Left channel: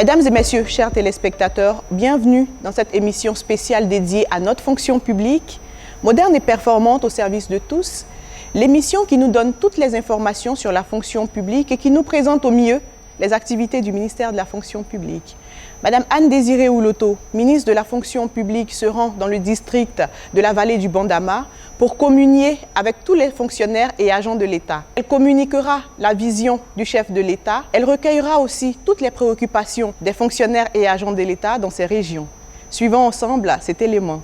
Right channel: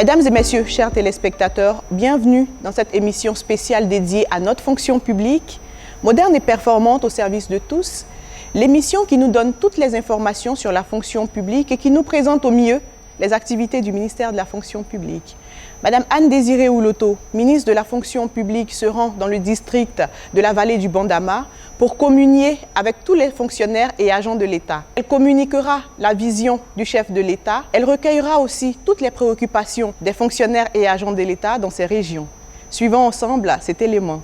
Mesdames et messieurs, chers téléspectateurs, bienvenue dans cette émission spéciale dédiée à notre fonction publique, moderne et performante au service de tous, l'émission qui nous donne toutes les informations sur la fonction publique et qui nous présente au mieux les activités du ministère de la fonction publique. Madame Anne-Désirée Ouloto, ministre de la fonction publique, se rend dans le district de la vallée du Bandama pour communier avec tous les fonctionnaires et agents de l'État. Elle communiquera la vision du chef de l'État. Elle recueillera aussi toutes les préoccupations des fonctionnaires et agents de l'État dans ces régions. Suivons ensemble cet élément.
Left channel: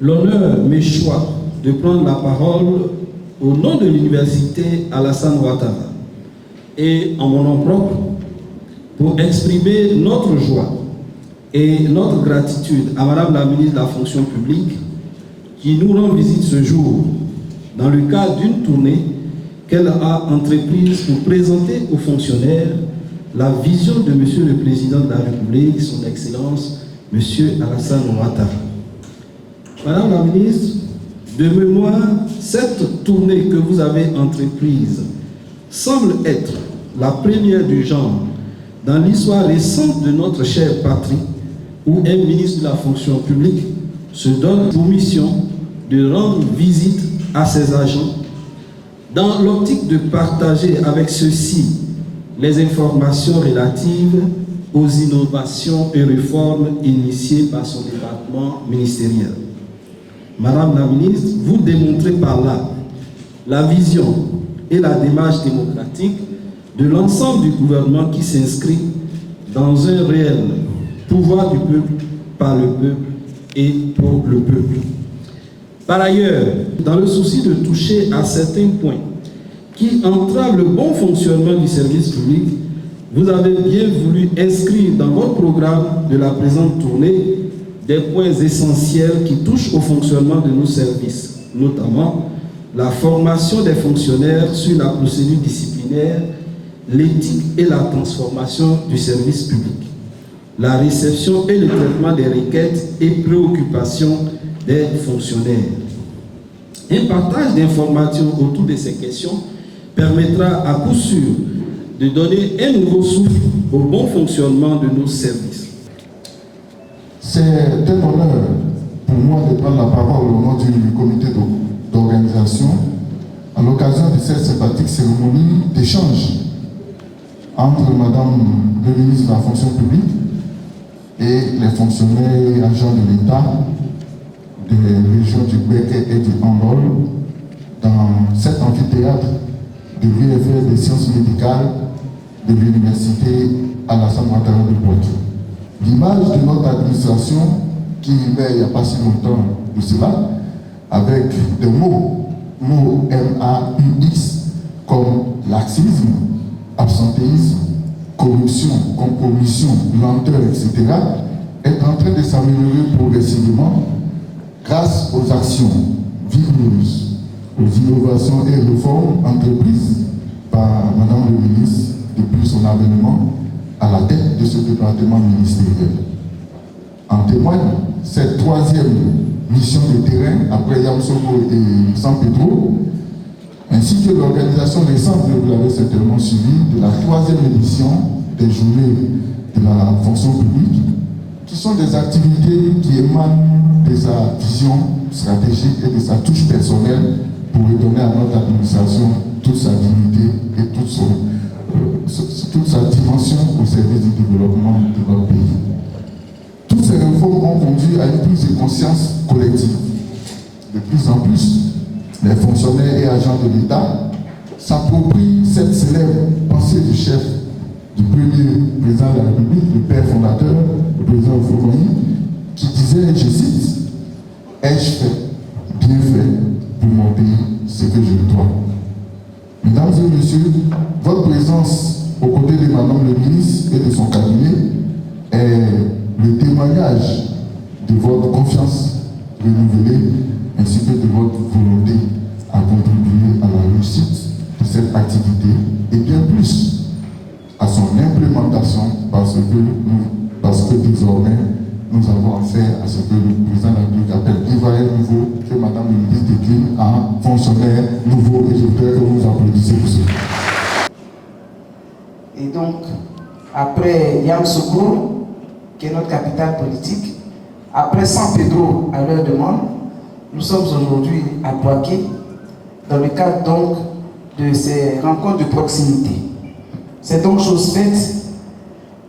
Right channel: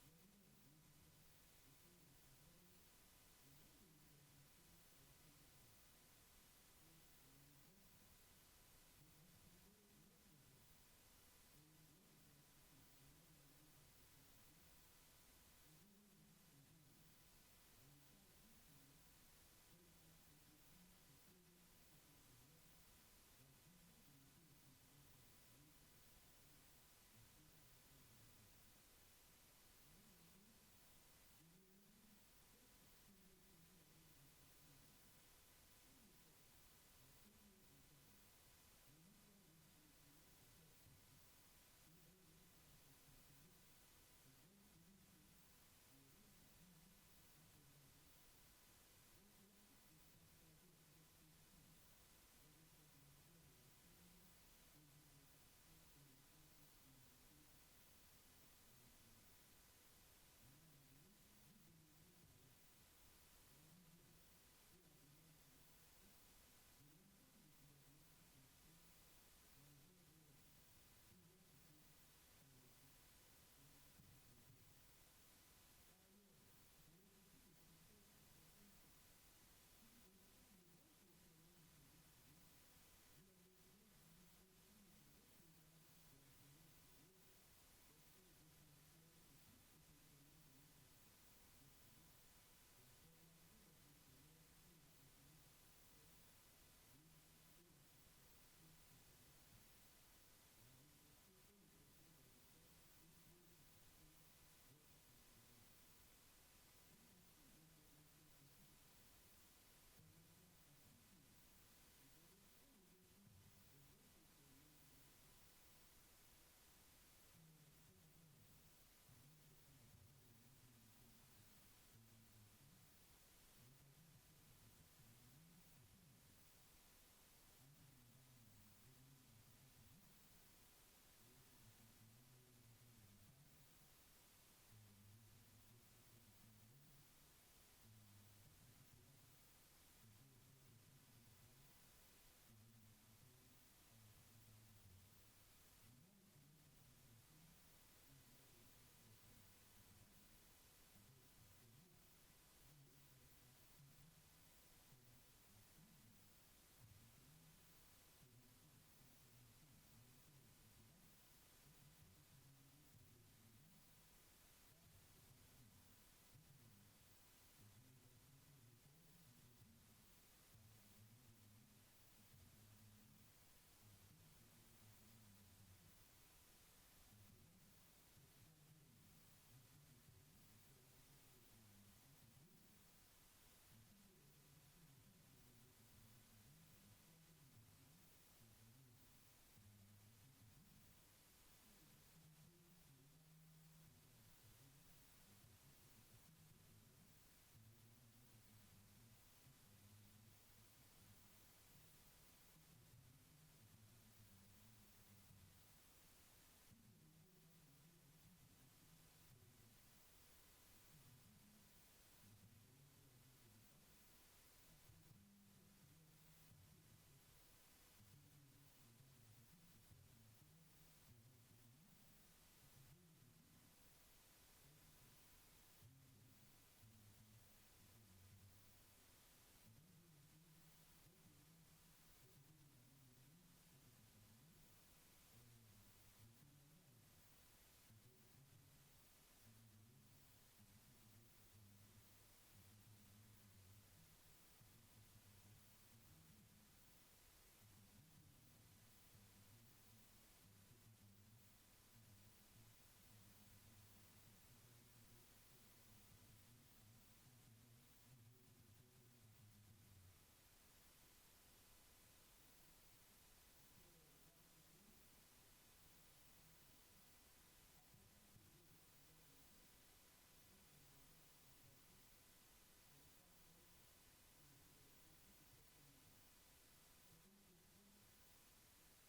L'honneur m'échoit de prendre la parole au nom de l'université Alassane Ouattara et en mon nom propre pour exprimer notre joie et notre gratitude à Madame la ministre de la fonction publique qui nous rend visite ce jour dans le cadre d'une tournée qu'elle a entreprise pour présenter aux fonctionnaires la vision de Monsieur le Président de la République, son Excellence, Monsieur Alassane Ouattara. Madame la ministre, de mémoire, cette tournée que vous avez entreprise semble être la première du genre dans l'histoire récente de notre chère patrie, où un ministre de la fonction publique se donne pour mission de rendre visite à ses agents dans l'optique de partager avec ceux-ci les informations relatives aux innovations et réformes initiées par son département ministériel. Madame la ministre, vous démontrez par là la vision et la démarche démocratique de l'ensemble du gouvernement qui s'inscrit dans un réel pouvoir du peuple, par le peuple et pour le peuple. Par ailleurs, dans le souci de toucher à certains points qui entravent le bon fonctionnement du service public, vous avez bien voulu inscrire dans votre programme de la présente tournée des points essentiels qui touchent au fonctionnement de nos services, notamment la formation des fonctionnaires sur la procédure disciplinaire, l'éthique et la transformation du service public, la réception et le traitement des requêtes et préoccupations des fonctionnaires. Un partage d'informations autour de ces questions permettra à coup sûr de donner un nouveau souffle au bon fonctionnement de nos services. C'est un honneur pour moi de prendre la parole au nom du comité d'organisation à l'occasion de cette sympathique cérémonie d'échange entre Madame le ministre de la fonction publique et les fonctionnaires et agents de l'État des régions du Béquet et du Andol dans cet amphithéâtre de l'UFR des sciences médicales de l'université Alassane Ouattara de Poitiers. L'image de notre administration, qui naît il n'y a pas si longtemps de cela, avec des mots M-A-U-X, comme laxisme, absentéisme, corruption, compromission, lenteur, etc., est en train de s'améliorer progressivement grâce aux actions vigoureuses, aux innovations et réformes entreprises par Madame le ministre depuis son avènement à la tête de ce département ministériel. En témoigne cette troisième mission de terrain après Yamoussoukro et San Pedro, ainsi que l'organisation récente, vous l'avez certainement suivi, de la 3e édition des journées de la fonction publique, qui sont des activités qui émanent de sa vision stratégique et de sa touche personnelle pour redonner à notre administration toute sa dignité et toute sa dimension au service du développement de notre pays. Toutes ces réformes ont conduit à une prise de conscience collective. De plus en plus, les fonctionnaires et agents de l'État s'approprient cette célèbre pensée du chef du premier président de la République, le père fondateur, le président Houphouët-Boigny, qui disait, je cite, « Ai-je fait, bien fait, pour mon pays, ce que je dois ». Mesdames et messieurs, votre présence aux côtés de Madame le ministre et de son cabinet est le témoignage de votre confiance renouvelée ainsi que de votre volonté à contribuer à la réussite de cette activité et bien plus à son implémentation parce que désormais nous avons affaire à ce que le président de la République appelle Ivoirien nouveau, que Madame le ministre décline en fonctionnaire nouveau, et je voudrais que vous applaudissiez pour cela. Et donc, après Yamoussoukro, qui est notre capitale politique, après San Pedro à leur demande, nous sommes aujourd'hui à Bouaké, dans le cadre donc de ces rencontres de proximité. C'est donc chose faite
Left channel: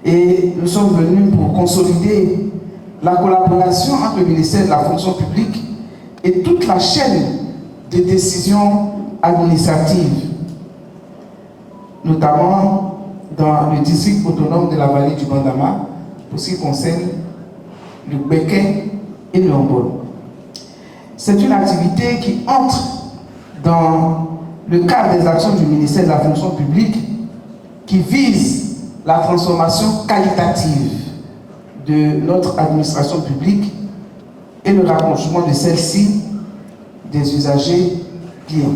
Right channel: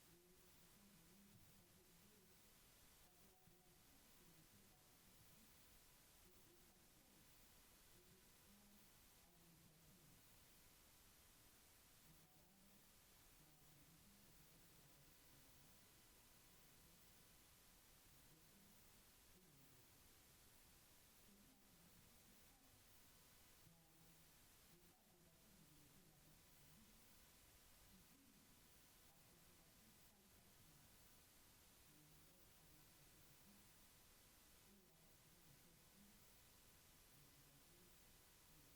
et nous sommes venus pour consolider la collaboration entre le ministère de la fonction publique et toute la chaîne de décisions administratives, notamment dans le district autonome de la vallée du Bandama, pour ce qui concerne le Béquet et le Hambol. C'est une activité qui entre dans le cadre des actions du ministère de la fonction publique qui vise la transformation qualitative de notre administration publique et le rapprochement de celle-ci des usagers clients.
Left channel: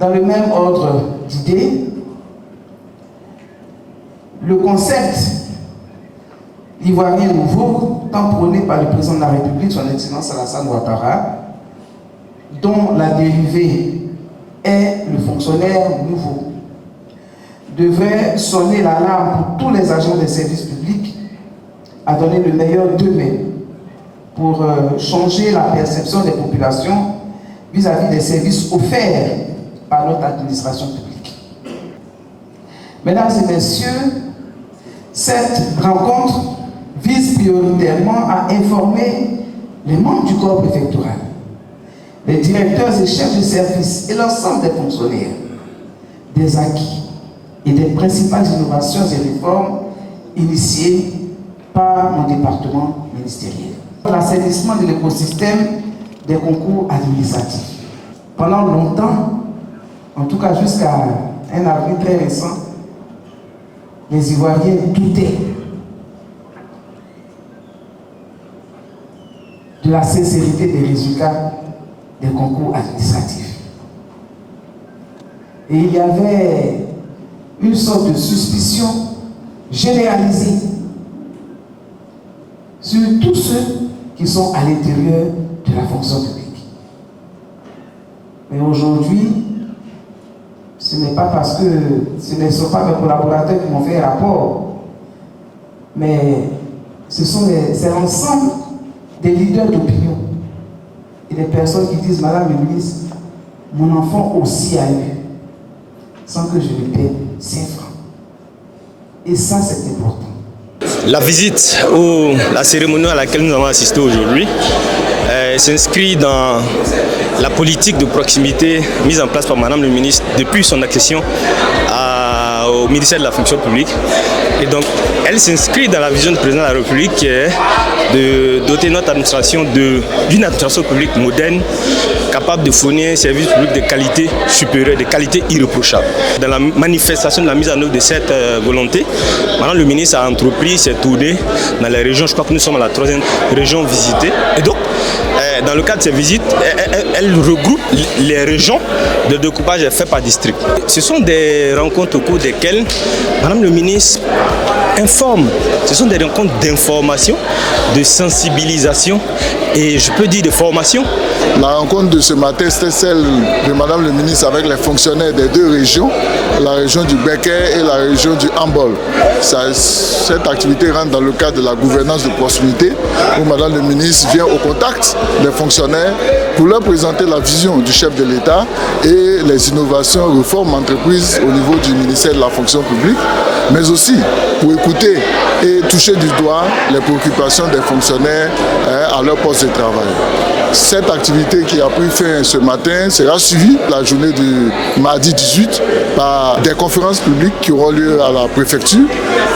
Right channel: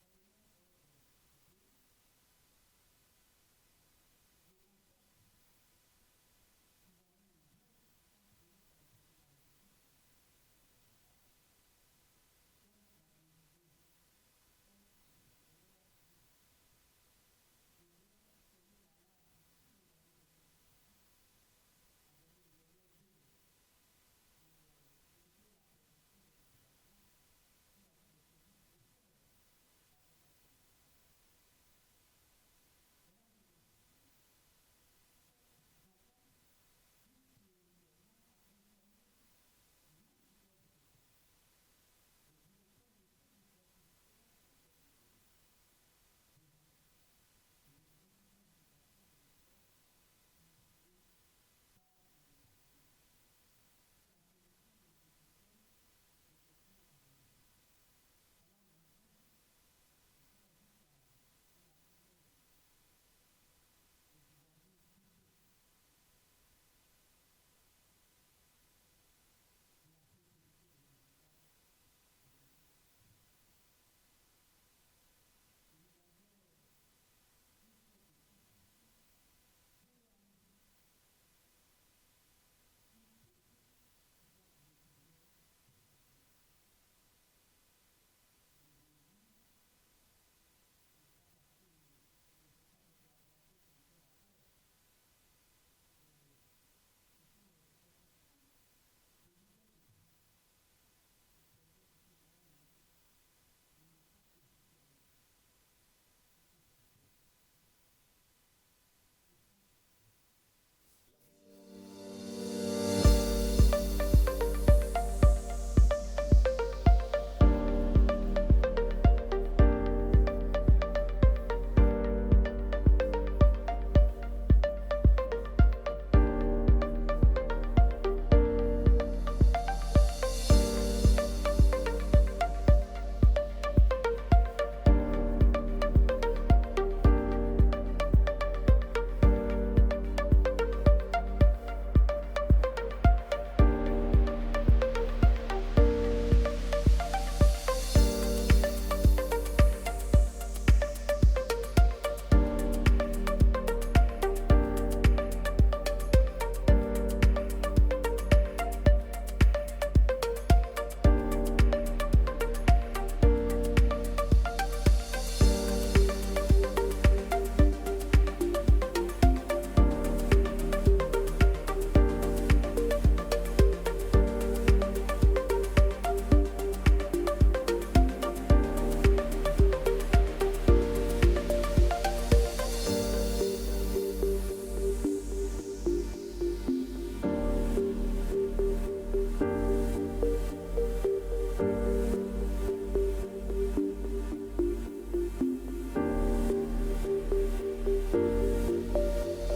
Dans le même ordre d'idées, le concept ivoirien nouveau, tant prôné par le président de la République, son Excellence Alassane Ouattara, dont la dérivée est le fonctionnaire nouveau, devrait sonner l'alarme pour tous les agents des services publics à donner le meilleur d'eux-mêmes pour changer la perception des populations vis-à-vis des services offerts par notre administration publique. Mesdames et messieurs, cette rencontre vise prioritairement à informer les membres du corps préfectoral, les directeurs et chefs de service et l'ensemble des fonctionnaires des acquis et des principales innovations et réformes initiées par mon département ministériel. L'assainissement de l'écosystème des concours administratifs. Pendant longtemps, en tout cas jusqu'à un avril très récent, les Ivoiriens doutaient de la sincérité des résultats des concours administratifs. Et il y avait une sorte de suspicion généralisée sur tous ceux qui sont à l'intérieur de la fonction publique. Mais aujourd'hui, ce n'est pas parce que ce ne sont pas mes collaborateurs qui m'ont fait un rapport, mais c'est l'ensemble des leaders d'opinion et des personnes qui disent, Madame le ministre, mon enfant aussi a eu, sans que je lui paie 5 francs. Et ça, c'est important. La visite ou la cérémonie à laquelle nous avons assisté aujourd'hui s'inscrit dans la politique de proximité mise en place par Madame le ministre depuis son accession au ministère de la fonction publique. Et donc, elle s'inscrit dans la vision du président de la République qui est de doter notre administration d'une administration publique moderne, capable de fournir un service public de qualité supérieure, de qualité irréprochable. Dans la manifestation de la mise en œuvre de cette volonté, Madame le ministre a entrepris ses tournées dans les régions. Je crois que nous sommes à la 3e région visitée. Et donc, dans le cadre de ces visites, elle regroupe les régions de découpage fait par district. Ce sont des rencontres au cours desquelles Madame le ministre informe. Ce sont des rencontres d'information, de sensibilisation et je peux dire de formation. La rencontre de ce matin, c'était celle de Madame le ministre avec les fonctionnaires des deux régions, la région du Becker et la région du Hambol. Cette activité rentre dans le cadre de la gouvernance de proximité où Madame le ministre vient au contact des fonctionnaires pour leur présenter la vision du chef de l'État et les innovations, réformes entreprises au niveau du ministère de la fonction publique, mais aussi pour écouter et toucher du doigt les préoccupations des fonctionnaires à leur poste de travail. Cette activité qui a pris fin ce matin sera suivie la journée du mardi 18 par des conférences publiques qui auront lieu à la préfecture.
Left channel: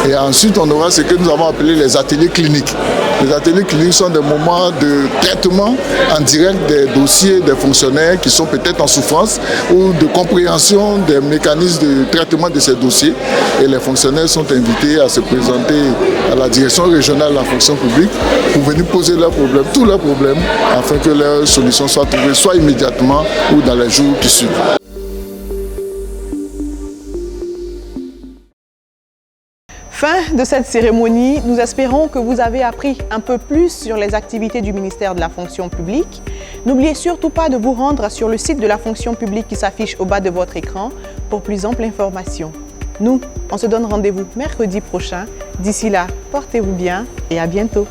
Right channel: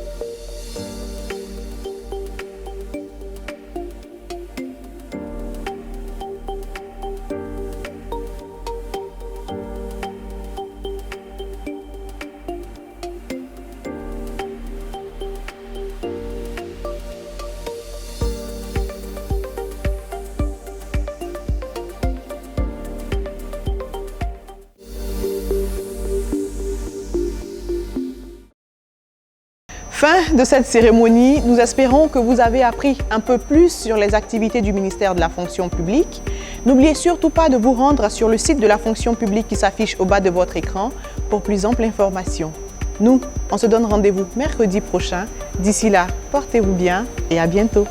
Et ensuite, on aura ce que nous avons appelé les ateliers cliniques. Les ateliers cliniques sont des moments de traitement en direct des dossiers des fonctionnaires qui sont peut-être en souffrance ou de compréhension des mécanismes de traitement de ces dossiers. Et les fonctionnaires sont invités à se présenter à la direction régionale de la fonction publique pour venir poser leurs problèmes, tous leurs problèmes, afin que leurs solutions soient trouvées soit immédiatement ou dans les jours qui suivent. Fin de cette cérémonie, nous espérons que vous avez appris un peu plus sur les activités du ministère de la fonction publique. N'oubliez surtout pas de vous rendre sur le site de la fonction publique qui s'affiche au bas de votre écran pour plus ample information. Nous, on se donne rendez-vous mercredi prochain. D'ici là, portez-vous bien et à bientôt.